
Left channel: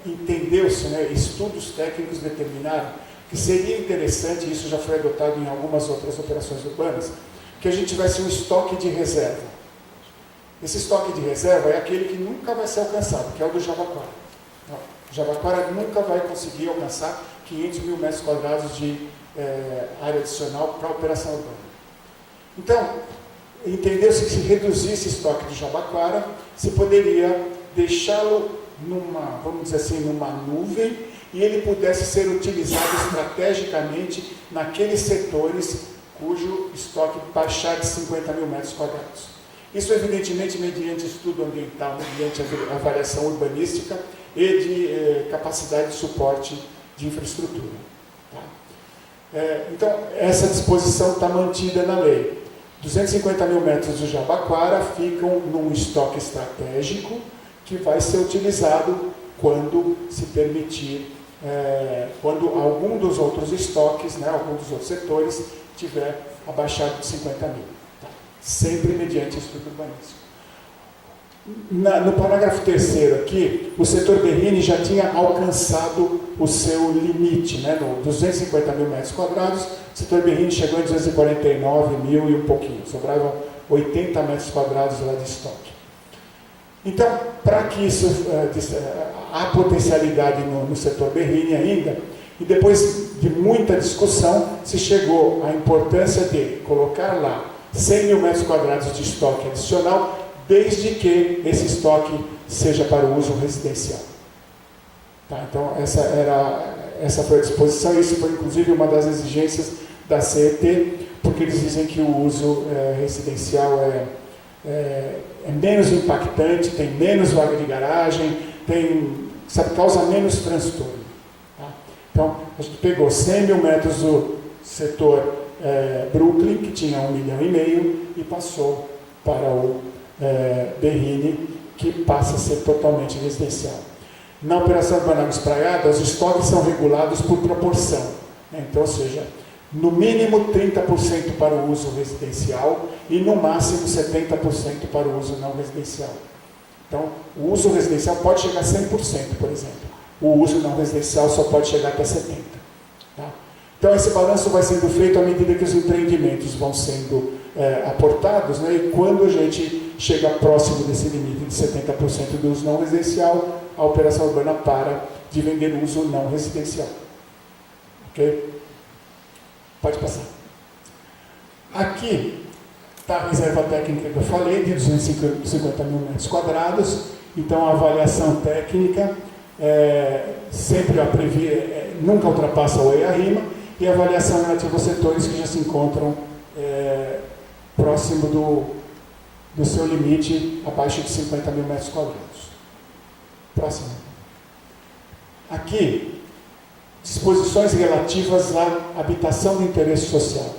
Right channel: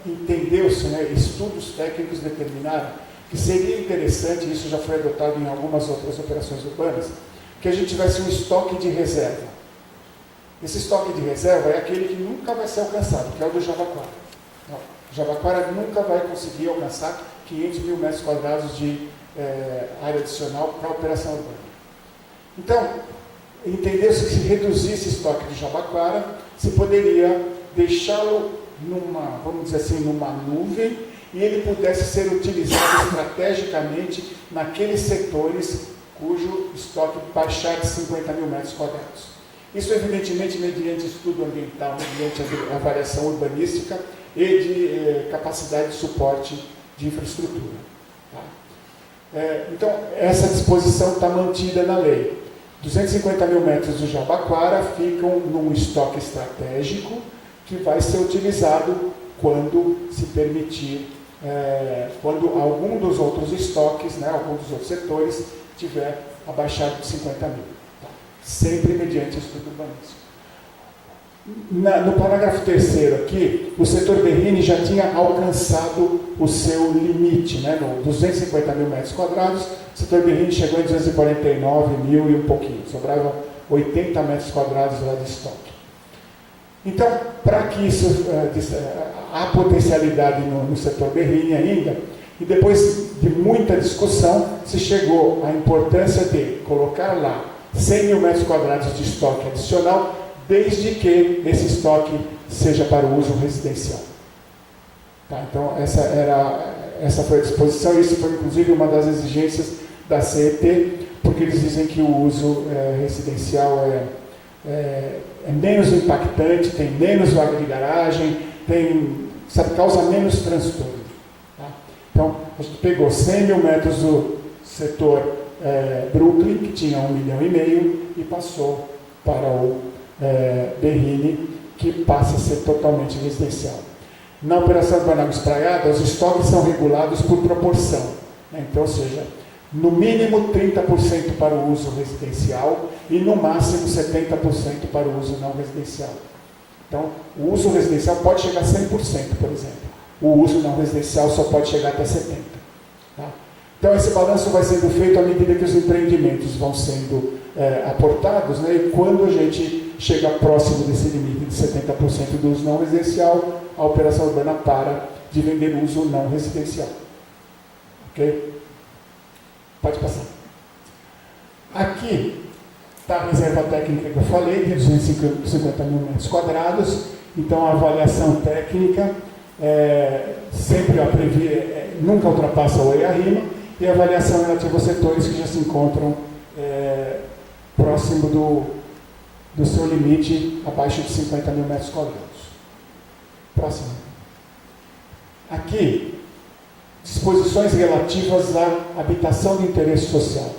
entendeu-se, né, estudos técnicos determinaram que seria interessante, isso já foi adotado em algumas outras operações urbanas, que a gente tivesse um estoque de reserva. Esse estoque de reserva é aquele que nunca vai ser alcançado, que é o do Jabaquara. Não, o Jabaquara nunca vai conseguir alcançar 500 mil metros quadrados de área adicional para a operação urbana. Então, entendeu-se que se reduzisse esse estoque de Jabaquara, se poderia deixá-lo vamos dizer assim, numa nuvem, e ele pudesse ser utilizado estrategicamente naqueles setores cujo estoque baixar de 50 mil metros quadrados. Isso, evidentemente, mediante estudo ambiental, mediante a avaliação urbanística e de capacidade de suporte de infraestrutura. Tá? Então, essa disposição está mantida na lei. 250 mil metros do Jabaquara ficam num estoque estratégico que vai ser utilizado quando se permitir, quando algum dos outros estoques, né, algum dos outros setores, tiver abaixado de 50 mil. Tá? Sempre mediante estudo urbanístico. No parágrafo 3º aqui, o setor Berrini já tinha alcançado o seu limite, né, no 250 mil metros quadrados, o setor Berrini chegou em 249 mil e um pouquinho, sobravam 80 metros quadrados lá de estoque. Então, para que isso, há potencialidade no setor Berrini ainda, e depois de muita discussão, se chegou à importância de colocar lá 100 mil metros quadrados de estoque adicional, desde que esse estoque seja para o uso residencial. Tá, então, essa foi a disposição, isso foi inclusive uma das exigências da CET, porque eles dizem que o uso residencial é menos impactante, tem menos vaga de garagem, causa menos transtorno. Tá? Então, a gente pegou 100 mil metros do setor Brooklyn, que tinha 1,5 milhão, e passou para o Berrini, que passa a ser totalmente residencial. Na operação Urbana Espraiada, os estoques são regulados por proporção, né? Então, ou seja, no mínimo 30% para o uso residencial e no máximo 70% para o uso não residencial. Então, o uso residencial pode chegar a 100%, por exemplo. O uso não residencial só pode chegar até 70%. Tá? Então, esse balanço vai sendo feito à medida que os empreendimentos vão sendo aportados, né? E quando a gente chega próximo desse limite de 70% do uso não residencial, a operação urbana para de vender uso não residencial. Ok? Pode passar. Aqui está a reserva técnica que eu falei, de 250 mil metros quadrados. Então, a avaliação técnica sempre nunca ultrapassa o EIA-RIMA, e a avaliação relativa aos setores que já se encontram próximo do seu limite, abaixo de 50 mil metros quadrados. Próximo. Aqui, disposições relativas à habitação de interesse social.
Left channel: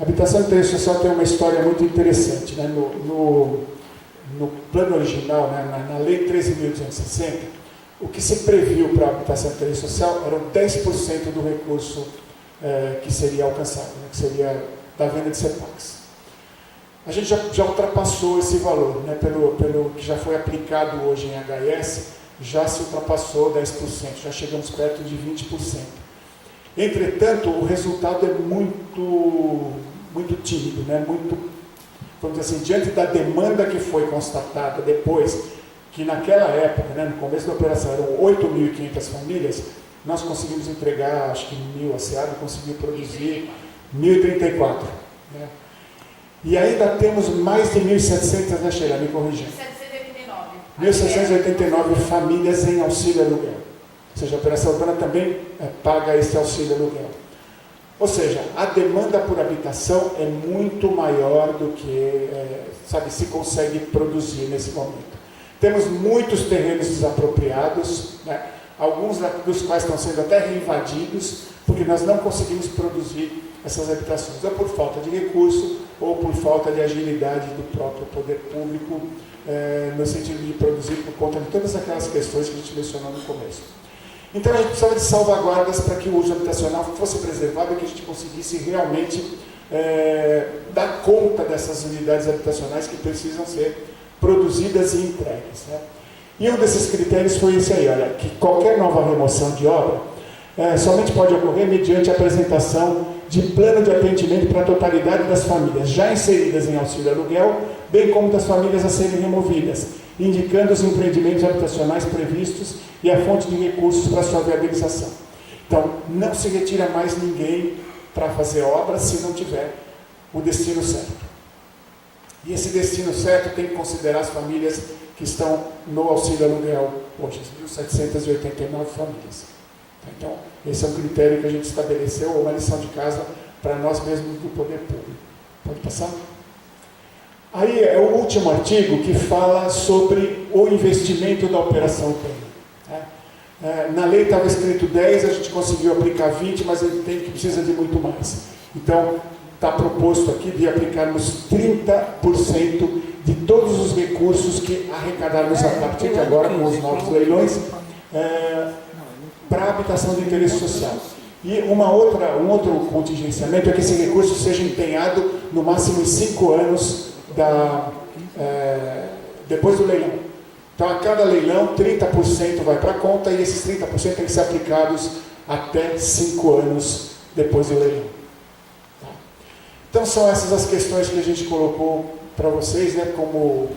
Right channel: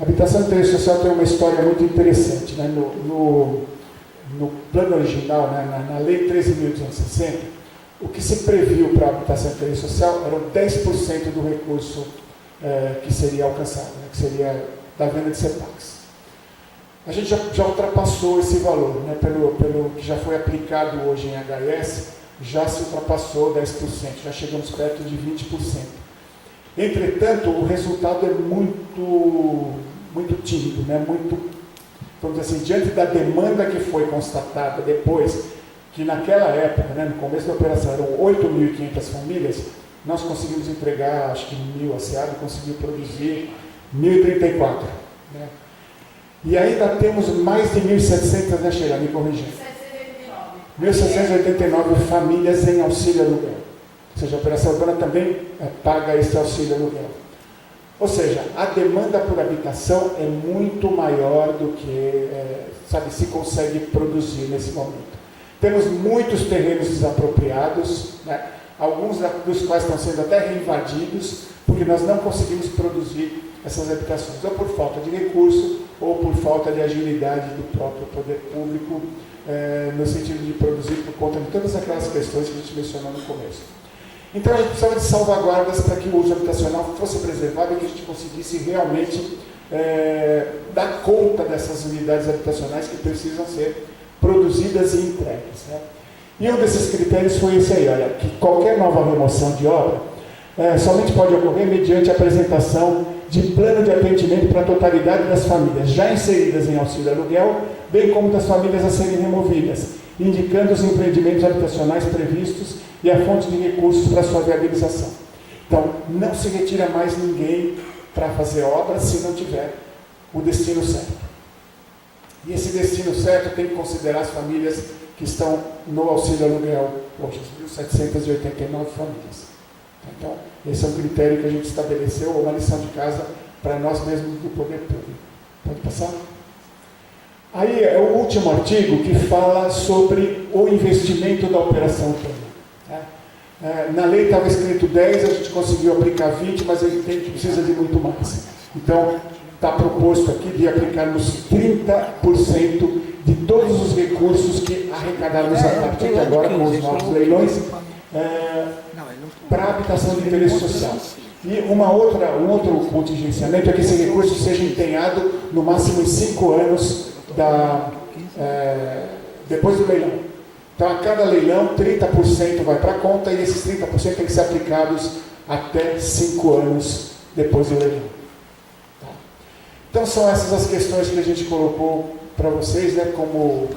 A habitação de interesse social tem uma história muito interessante. Né? No plano original, né, na Lei 13.260, o que se previu para a habitação de interesse social eram 10% do recurso que seria alcançado, né, que seria da venda de CEPACs. A gente já ultrapassou esse valor, né, pelo que já foi aplicado hoje em HS, já se ultrapassou 10%, já chegamos perto de 20%. Entretanto, o resultado é muito tímido, né? Vamos dizer assim, diante da demanda que foi constatada depois, que naquela época, né, no começo da operação, eram 8.500 famílias, nós conseguimos entregar, acho que 1.000, a SEAD conseguiu produzir 1.034. Né? E ainda temos mais de 1.700, né, Sheila? Me corrigindo. 1.789 famílias em auxílio aluguel. Ou seja, a operação urbana também paga esse auxílio aluguel. Ou seja, a demanda por habitação é muito maior do que se consegue produzir nesse momento. Temos muitos terrenos desapropriados, né? Alguns dos quais estão sendo até reinvadidos, porque nós não conseguimos produzir essas habitações, ou por falta de recurso, ou por falta de agilidade do próprio poder público, no sentido de produzir por conta de todas aquelas questões que a gente mencionou no começo. Então a gente precisava de salvaguardas para que o uso habitacional fosse preservado e que a gente conseguisse realmente dar conta dessas unidades habitacionais que precisam ser produzidas e entregues. Né? E um desses critérios foi esse aí, olha, que qualquer nova remoção de obra somente pode ocorrer mediante a apresentação de plano de atendimento para a totalidade das famílias já inseridas em auxílio aluguel, bem como das famílias a serem removidas, indicando os empreendimentos habitacionais previstos e a fonte de recursos para sua viabilização. Então, não se retira mais ninguém para fazer obra se não tiver o destino certo. E esse destino certo tem que considerar as famílias que estão no auxílio aluguel hoje, as 1.789 famílias. Então, esse é um critério que a gente estabeleceu, uma lição de casa para nós mesmos do poder público. Pode passar? Aí é o último artigo que fala sobre o investimento da operação urbana. Né? Na lei estava escrito 10, a gente conseguiu aplicar 20, mas ele precisa de muito mais. Então, está proposto aqui de aplicarmos 30% de todos os recursos que arrecadarmos a partir de agora com os novos leilões para a habitação de interesse social. E um outro contingenciamento é que esse recurso seja empenhado no máximo em 5 anos depois do leilão. Então, a cada leilão, 30% vai para a conta e esses 30% têm que ser aplicados até 5 anos depois do leilão. Tá? Então, são essas as questões que a gente colocou para vocês, né, como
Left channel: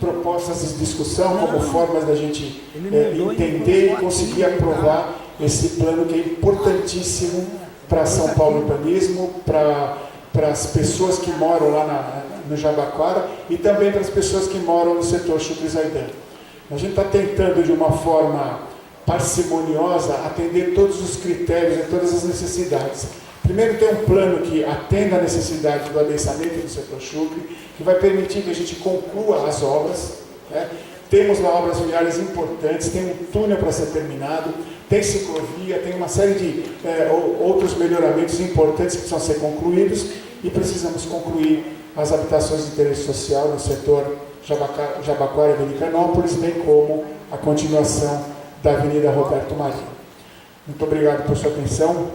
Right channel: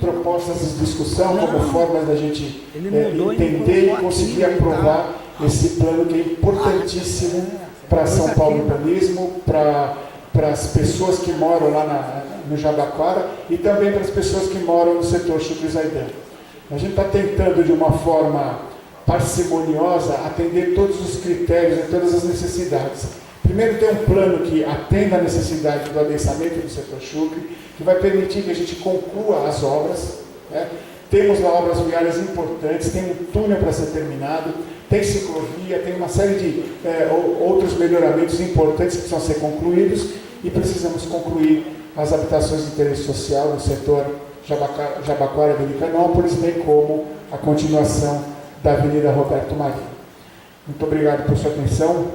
propostas de discussão, como formas da gente entender e conseguir aprovar esse plano que é importantíssimo para São Paulo Urbanismo, para as pessoas que moram lá no Jabaquara e também para as pessoas que moram no setor Chucri-Zaidan. A gente está tentando, de uma forma parcimoniosa, atender todos os critérios e todas as necessidades. Primeiro, ter um plano que atenda a necessidade do adensamento do setor Chucri, que vai permitir que a gente conclua as obras. Né? Temos lá obras viárias importantes, tem um túnel para ser terminado, tem ciclovia, tem uma série de outros melhoramentos importantes que precisam ser concluídos e precisamos concluir as habitações de interesse social no setor Jabaquara e Americanópolis, bem como a continuação da Avenida Roberto Marinho. Muito obrigado por sua atenção.